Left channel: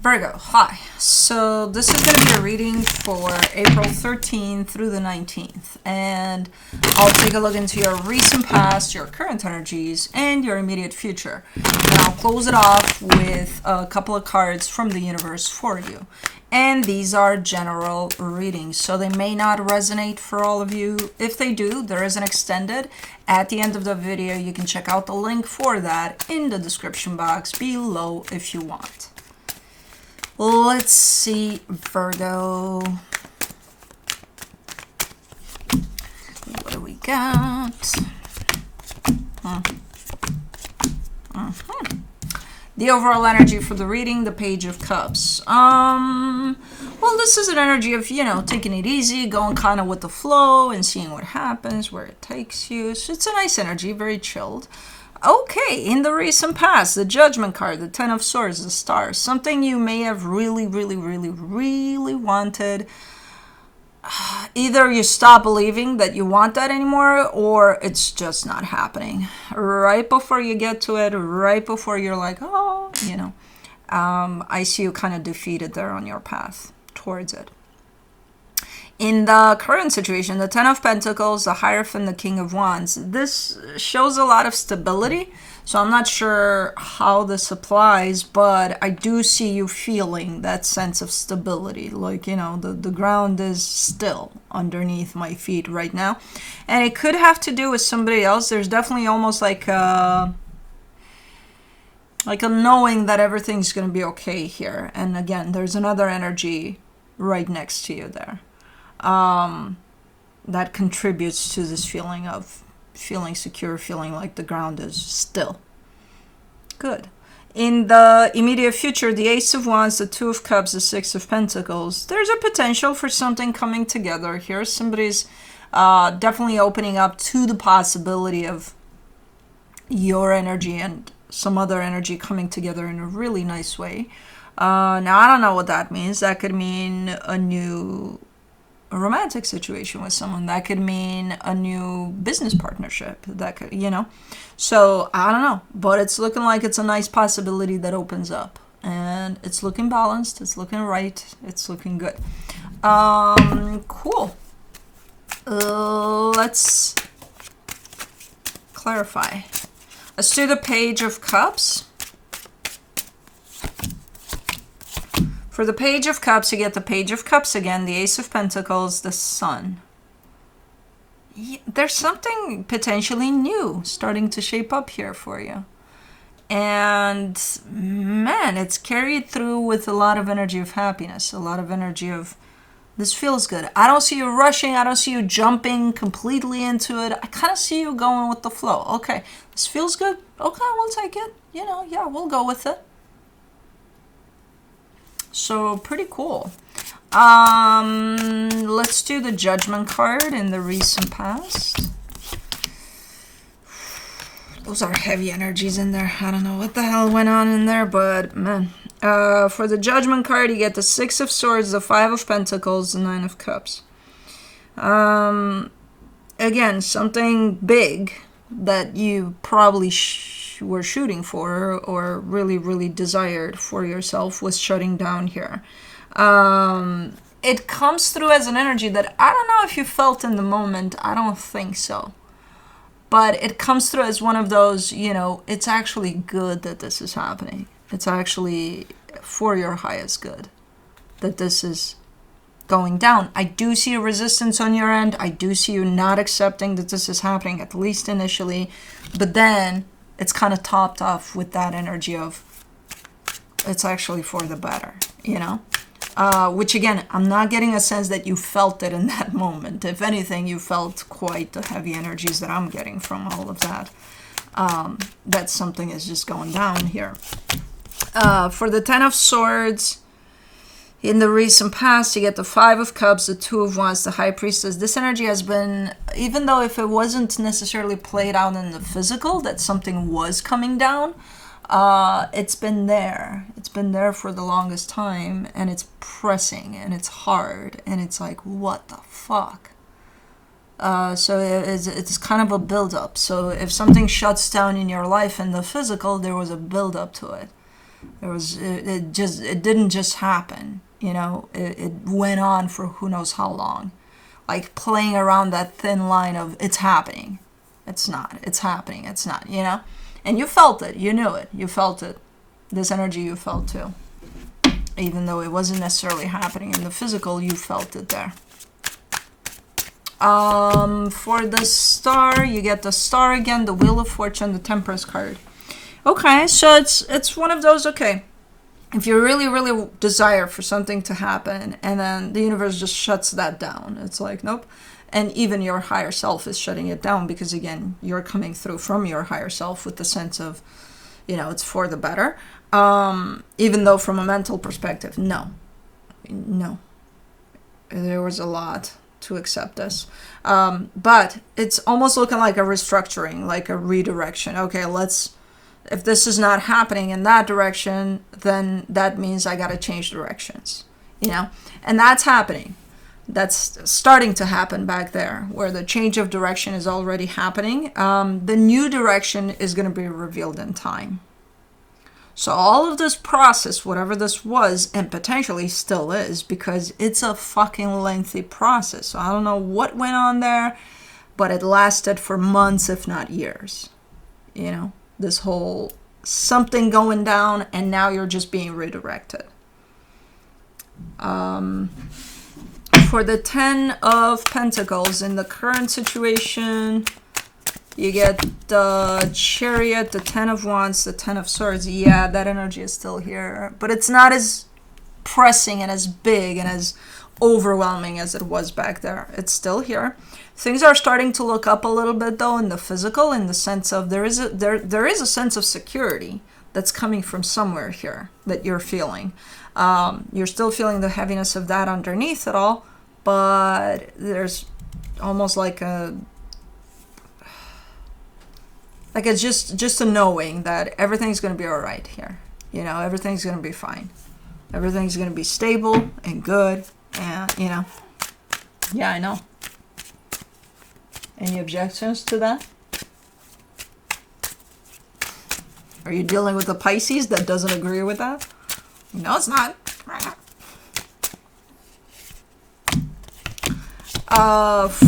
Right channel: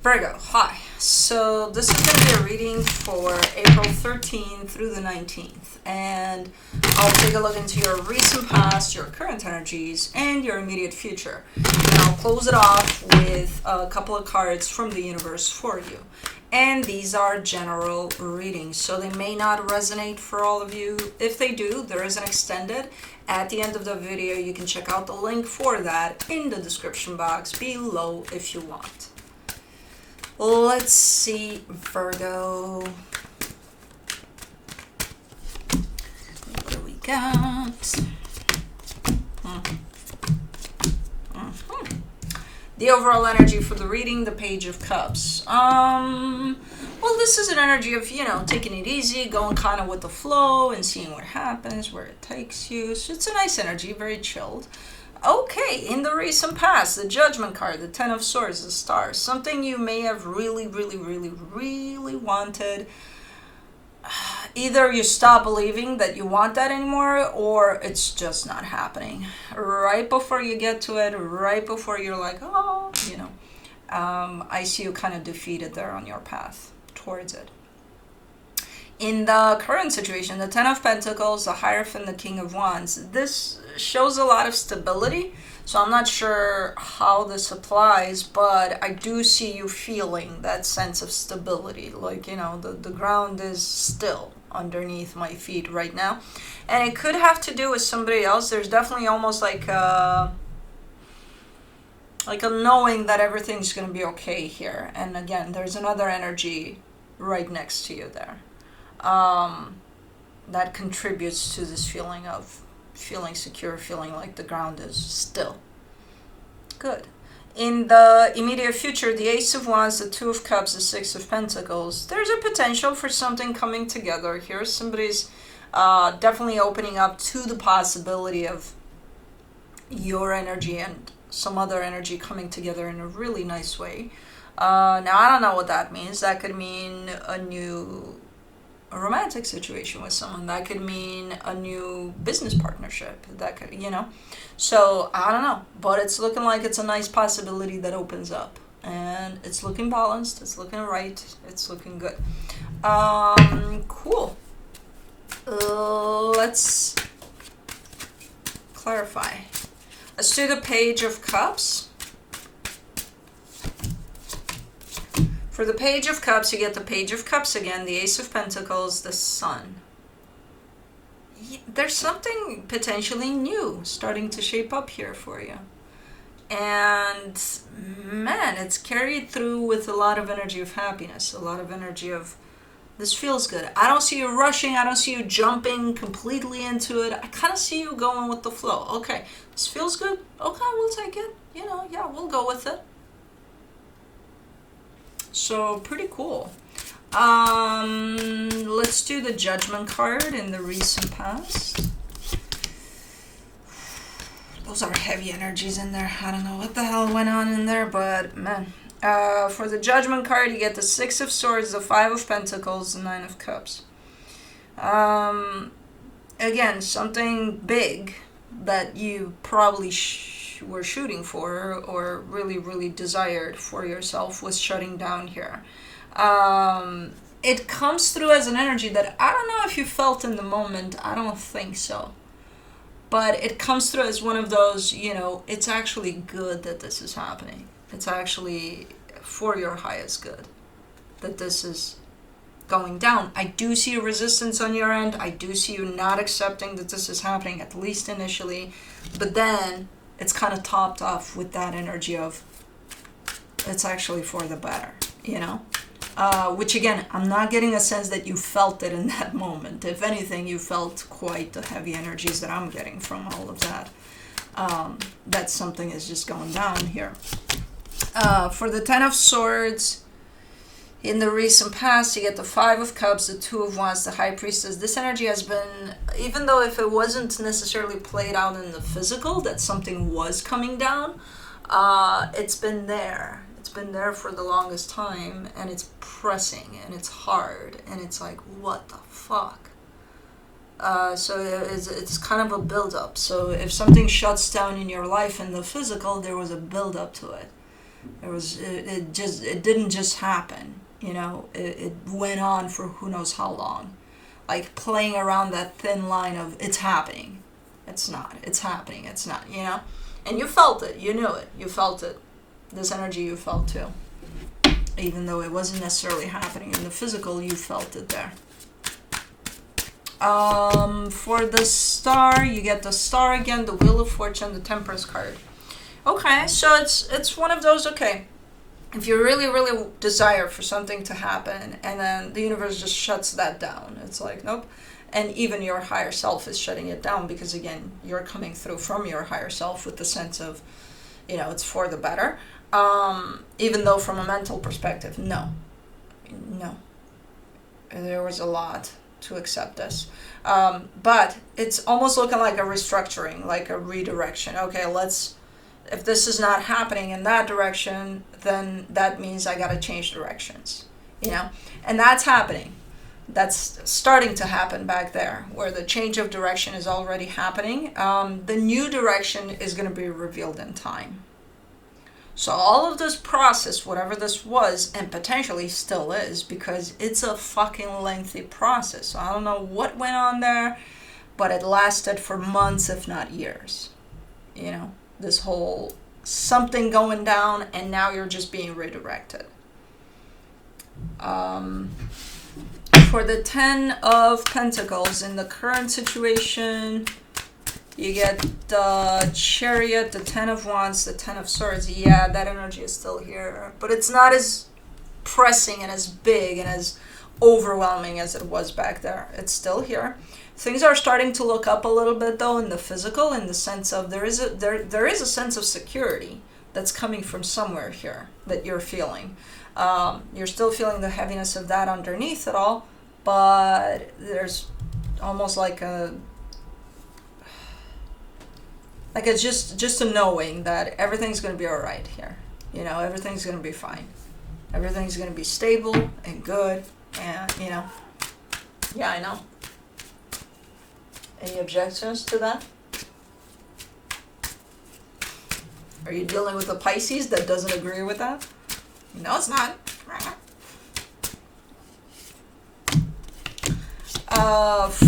Virgo, hi. So this is going to be a reading for April 13th through the 19th. And I'll take a look into your recent past, your current energies, and your immediate future. And I'll close it off with a couple of cards from the universe for you. And these are general readings, so they may not resonate for all of you. If they do, there is an extended. At the end of the video, you can check out the link for that in the description box below if you want. Let's see, Virgo. What do we got? The overall energy for the reading, the Page of Cups. Well, this is an energy of, taking it easy, going kind of with the flow and seeing what happens, where it takes you. So it's a nice energy, very chilled. Okay, in the recent past, the Judgment card, the Ten of Swords, the Star, something you may have really wanted. Either you stop believing that you want that anymore, or it's just not happening. Right before you get to it, right before you're like, I see you kind of defeated there on your path towards it. In the current situation, the Ten of Pentacles, the Hierophant, the King of Wands, this shows a lot of stability. So I'm not sure how this applies, but I do see you feeling that sense of stability. Like, the ground is still underneath my feet right now. And it could have to do with somebody else. There's definitely almost like a knowing that everything's going to be okay here. And again, there's another energy right next to you there. That contributes to this feeling of feeling secure, feeling like the ground is still. Good. In the immediate future, the Ace of Wands, the Two of Cups, the Six of Pentacles, there's a potential for something coming together here. Somebody's definitely opening up to the possibility of your energy and some other energy coming together in a really nice way. Now, I don't know what that means. That could mean a romantic situation with someone. That could mean a new business partnership. That could, So, I don't know. But it's looking like it's a nice possibility that opens up. And it's looking balanced. It's looking right. It's looking good. Cool. Let's clarify. Let's do the Page of Cups. For the Page of Cups, you get the Page of Cups again, the Ace of Pentacles, the Sun. There's something potentially new starting to shape up here for you. And, man, it's carried through with a lot of energy of happiness, a lot of energy of, this feels good. I don't see you rushing. I don't see you jumping completely into it. I kind of see you going with the flow. Okay, this feels good. Okay, we'll take it. We'll go with it. So pretty cool. Let's do the Judgment card in the recent past. Those are heavy energies in there. I don't know what the hell went on in there, but man. For the Judgment card, you get the Six of Swords, the Five of Pentacles, the Nine of Cups. Again, something big that you probably were shooting for or really desired for yourself was shutting down here. It comes through as an energy that I don't know if you felt in the moment. I don't think so. But it comes through as one of those, it's actually good that this is happening. It's actually for your highest good that this is going down. I do see a resistance on your end. I do see you not accepting that this is happening, at least initially. But then it's kind of topped off with that energy of it's actually for the better, which again, I'm not getting a sense that you felt it in that moment. If anything, you felt quite the heavy energies that I'm getting from all of that. That something is just going down here. For the Ten of Swords, in the recent past, you get the Five of Cups, the Two of Wands, the High Priestess. This energy has been, even though if it wasn't necessarily played out in the physical, that something was coming down, it's been there. It's been there for the longest time, and it's pressing, and it's hard, and it's like, what the fuck? So it's kind of a build-up. So if something shuts down in your life in the physical, there was a build-up to it. It didn't just happen. It went on for who knows how long, like playing around that thin line of it's happening, it's not, it's happening, it's not, and you felt it, you knew it, you felt it. This energy you felt too, even though it wasn't necessarily happening in the physical, you felt it there. For the star, you get the star again, the Wheel of Fortune, the Temperance card. Okay, so it's one of those, okay, if you really, really desire for something to happen and then the universe just shuts that down, it's like, nope. And even your higher self is shutting it down because, again, you're coming through from your higher self with the sense of, it's for the better. Even though from a mental perspective, no. There was a lot to accept this. But it's almost looking like a restructuring, like a redirection. Okay, if this is not happening in that direction, then that means I got to change directions, and that's happening. That's starting to happen back there where the change of direction is already happening. The new direction is going to be revealed in time. So all of this process, whatever this was, and potentially still is, because it's a fucking lengthy process. So I don't know what went on there, but it lasted for months, if not years. This whole something going down and now you're just being redirected. For the 10 of Pentacles, in the current situation, you get the Chariot, the 10 of Wands, the 10 of Swords. Yeah, that energy is still here, but it's not as pressing and as big and as overwhelming as it was back there. It's still here. Things are starting to look up a little bit, though, in the physical, in the sense of there is a sense of security that's coming from somewhere here that you're feeling. You're still feeling the heaviness of that underneath it all, but there's almost like it's just a knowing that everything's going to be all right here. Everything's going to be fine. Everything's going to be stable and good, and yeah, I know. Any objections to that? Are you dealing with a Pisces that doesn't agree with that? No, it's not.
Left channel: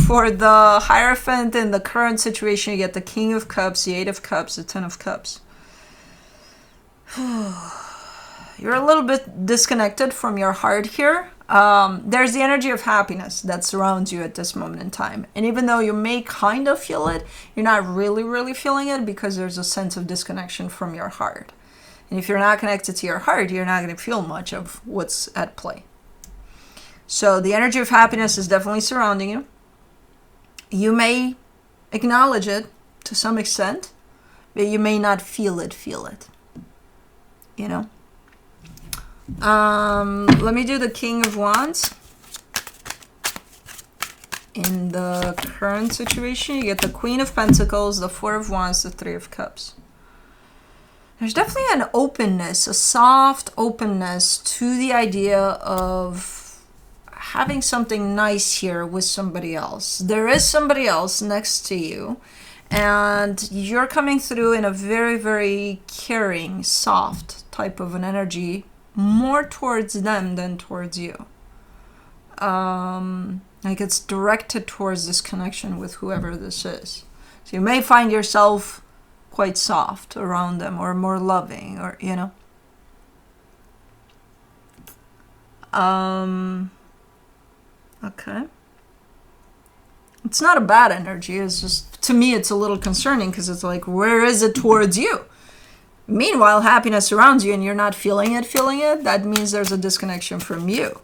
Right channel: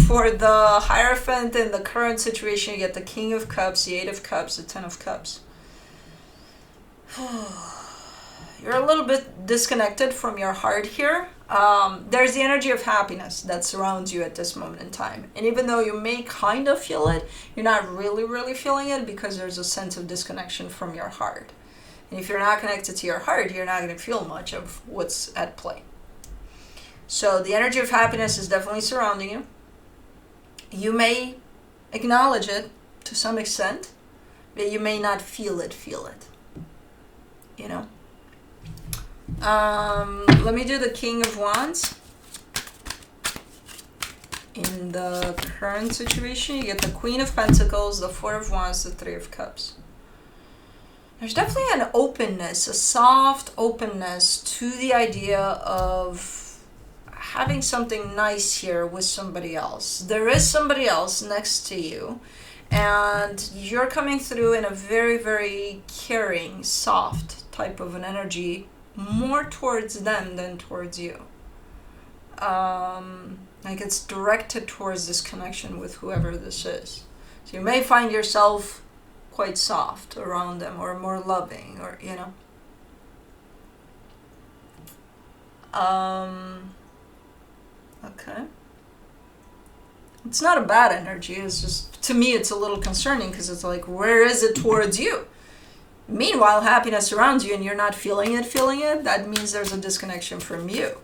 For the Hierophant in the current situation, you get the King of Cups, the 8 of Cups, the 10 of Cups. You're a little bit disconnected from your heart here. There's the energy of happiness that surrounds you at this moment in time. And even though you may kind of feel it, you're not really, really feeling it because there's a sense of disconnection from your heart. And if you're not connected to your heart, you're not going to feel much of what's at play. So the energy of happiness is definitely surrounding you. You may acknowledge it to some extent, but you may not feel it. Let me do the King of Wands. In the current situation, you get the Queen of Pentacles, the 4 of Wands, the 3 of Cups. There's definitely an openness, a soft openness to the idea of having something nice here with somebody else. There is somebody else next to you, and you're coming through in a very, very caring, soft type of an energy, more towards them than towards you. Like it's directed towards this connection with whoever this is. So you may find yourself quite soft around them, or more loving, or okay. It's not a bad energy. It's just, to me, it's a little concerning because it's like, where is it towards you? Meanwhile, happiness surrounds you and you're not feeling it. That means there's a disconnection from you.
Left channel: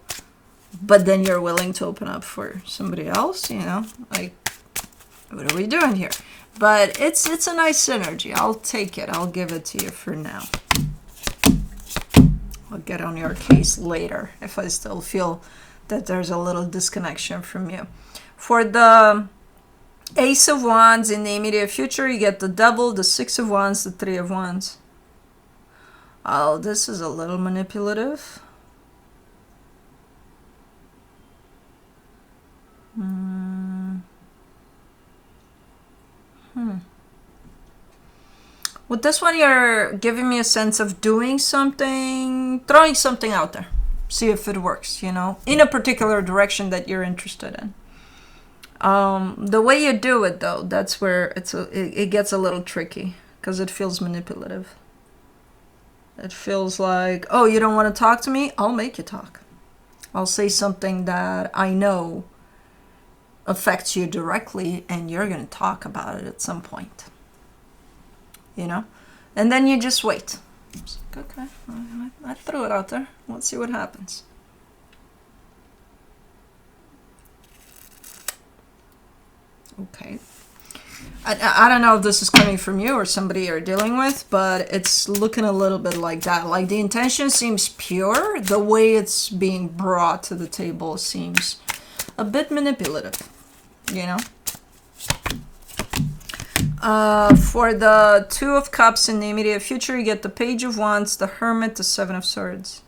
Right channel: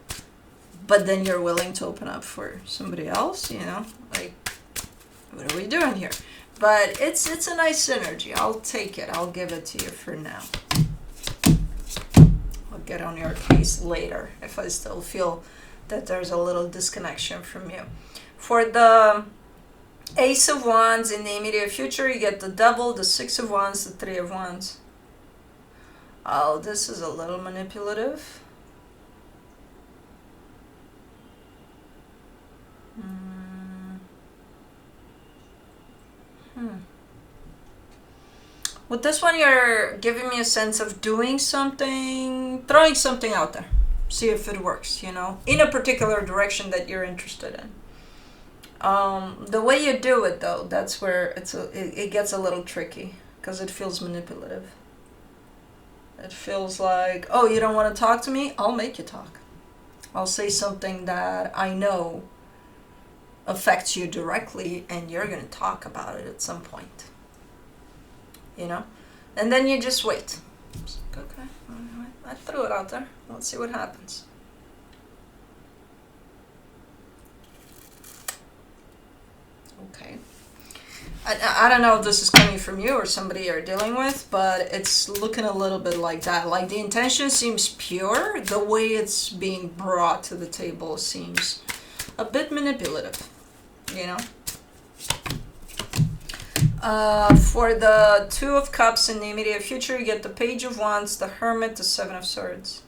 But then you're willing to open up for somebody else, like, what are we doing here? But it's a nice energy. I'll take it. I'll give it to you for now. I'll get on your case later if I still feel that there's a little disconnection from you. For the Ace of Wands in the immediate future, you get the Devil, the 6 of Wands, the 3 of Wands. Oh, this is a little manipulative. With this one, you're giving me a sense of doing something, throwing something out there. See if it works, you know, in a particular direction that you're interested in. The way you do it, though, that's where it gets a little tricky, because it feels manipulative. It feels like, oh, you don't want to talk to me? I'll make you talk. I'll say something that I know affects you directly, and you're going to talk about it at some point. You know? And then you just wait. It's like, okay, I threw it out there. Let's see what happens. Okay. I don't know if this is coming from you or somebody you're dealing with, but it's looking a little bit like that. Like the intention seems pure. The way it's being brought to the table seems a bit manipulative, you know? For the Two of Cups in the immediate future, you get the Page of Wands, the Hermit, the Seven of Swords.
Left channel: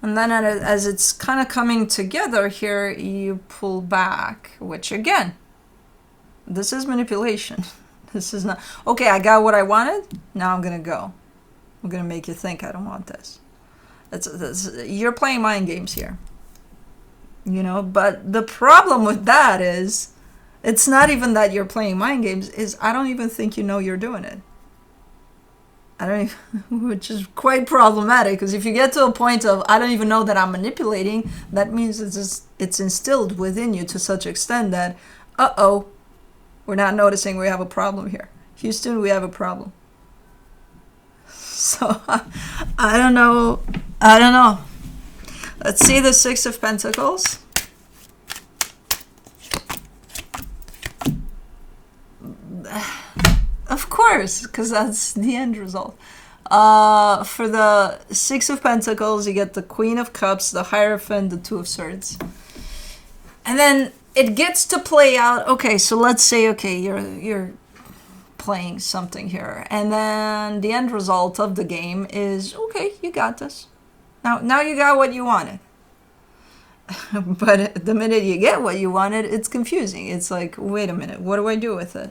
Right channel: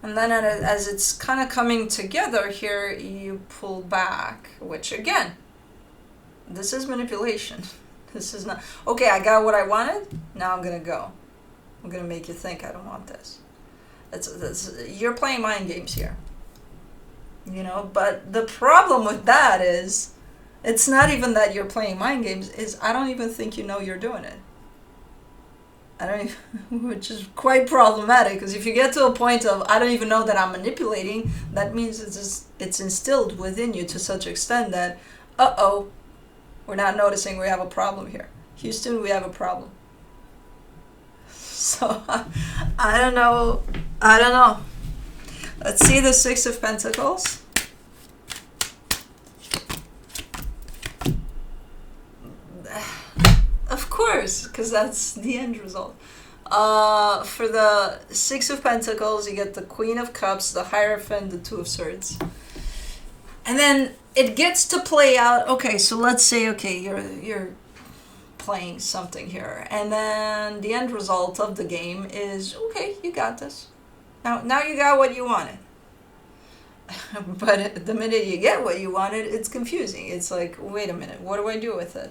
And then as it's kind of coming together here, you pull back, which again, this is manipulation. This is not, okay, I got what I wanted, now I'm going to go. I'm going to make you think I don't want this. You're playing mind games here. You know, but the problem with that is, it's not even that you're playing mind games, is I don't even think you know you're doing it. I don't even, which is quite problematic, because if you get to a point of, I don't even know that I'm manipulating, that means it's instilled within you to such extent that, uh-oh, we're not noticing we have a problem here. Houston, we have a problem. So, I don't know. Let's see the Six of Pentacles. Of course, because that's the end result. For the Six of Pentacles, you get the Queen of Cups, the Hierophant, the Two of Swords. And then it gets to play out, okay, so let's say, okay, you're playing something here. And then the end result of the game is, okay, you got this. Now you got what you wanted. But the minute you get what you wanted, it's confusing. It's like, wait a minute, what do I do with it?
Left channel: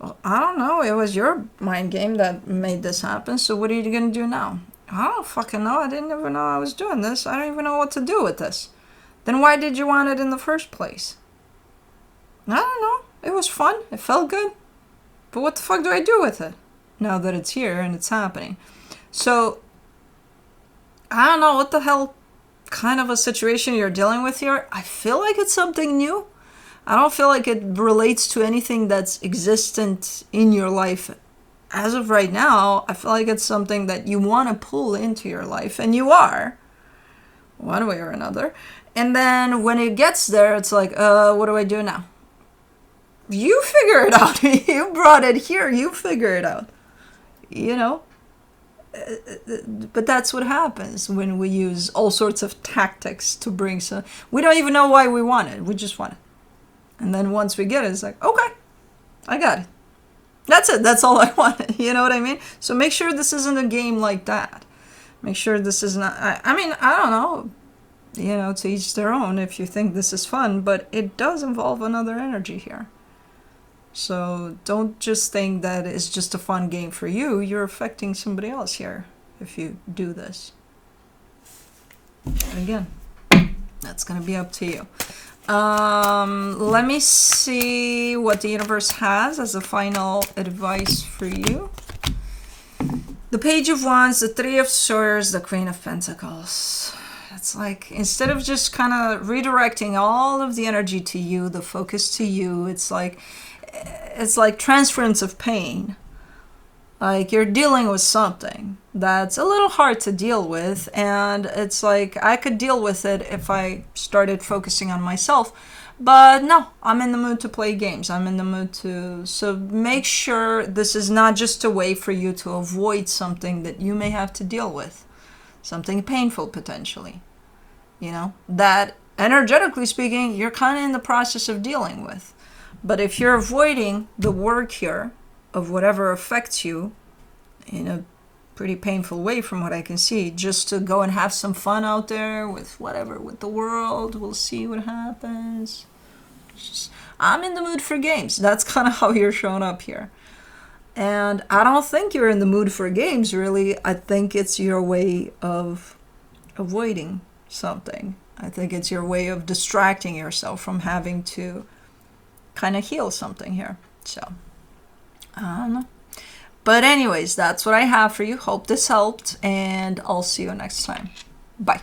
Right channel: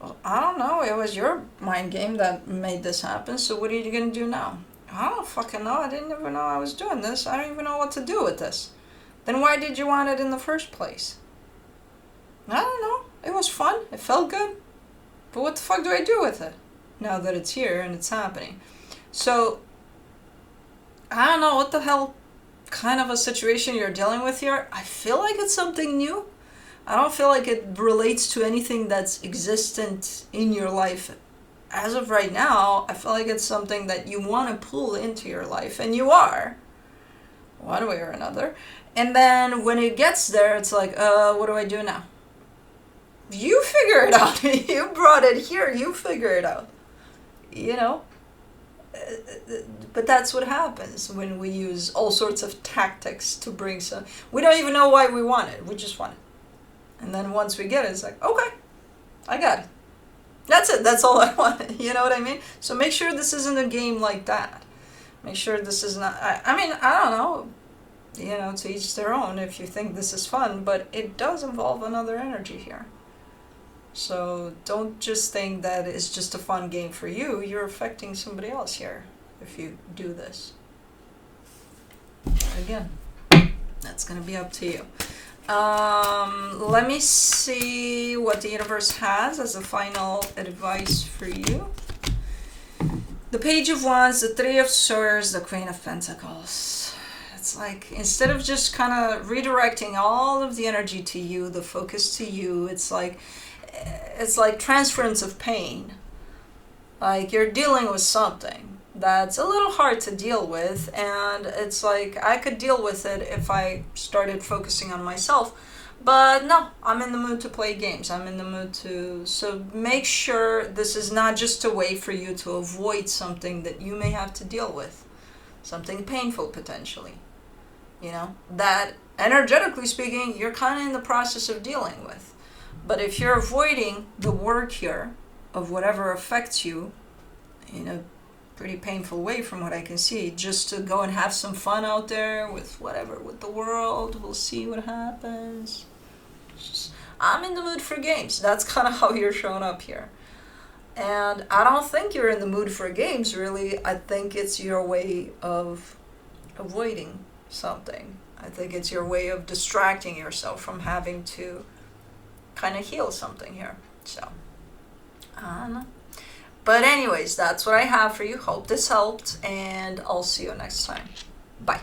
Well, I don't know. It was your mind game that made this happen. So what are you going to do now? I don't fucking know. I didn't even know I was doing this. I don't even know what to do with this. Then why did you want it in the first place? I don't know. It was fun. It felt good. But what the fuck do I do with it now that it's here and it's happening? So I don't know what the hell kind of a situation you're dealing with here. I feel like it's something new. I don't feel like it relates to anything that's existent in your life as of right now. I feel like it's something that you want to pull into your life, and you are, one way or another. And then when it gets there, it's like, what do I do now? You figure it out. You brought it here. You figure it out. You know? But that's what happens when we use all sorts of tactics to bring some... We don't even know why we want it. We just want it. And then once we get it, it's like, okay, I got it. That's it. That's all I wanted. You know what I mean? So make sure this isn't a game like that. Make sure this is not... I mean, I don't know. You know, to each their own if you think this is fun. But it does involve another energy here. So don't just think that it's just a fun game for you. You're affecting somebody else here if you do this. Again, that's going to be up to you. Let me see what the universe has as a final advice for you. The Page of Wands, the Three of Swords, the Queen of Pentacles. It's like, instead of just kind of redirecting all of the energy to you, the focus to you, it's like transference of pain. Like you're dealing with something that's a little hard to deal with, and it's like I could deal with it if I started focusing on myself. But no, I'm in the mood to play games. I'm in the mood to... So make sure this is not just a way for you to avoid something that you may have to deal with. Something painful, potentially. You know, that energetically speaking, you're kind of in the process of dealing with. But if you're avoiding the work here of whatever affects you in a pretty painful way from what I can see, just to go and have some fun out there with whatever, with the world, we'll see what happens. I'm in the mood for games. That's kind of how you're showing up here. And I don't think you're in the mood for games, really. I think it's your way of avoiding something. I think it's your way of distracting yourself from having to kind of heal something here. So, I don't know. But, anyways, that's what I have for you. Hope this helped, and I'll see you next time. Bye.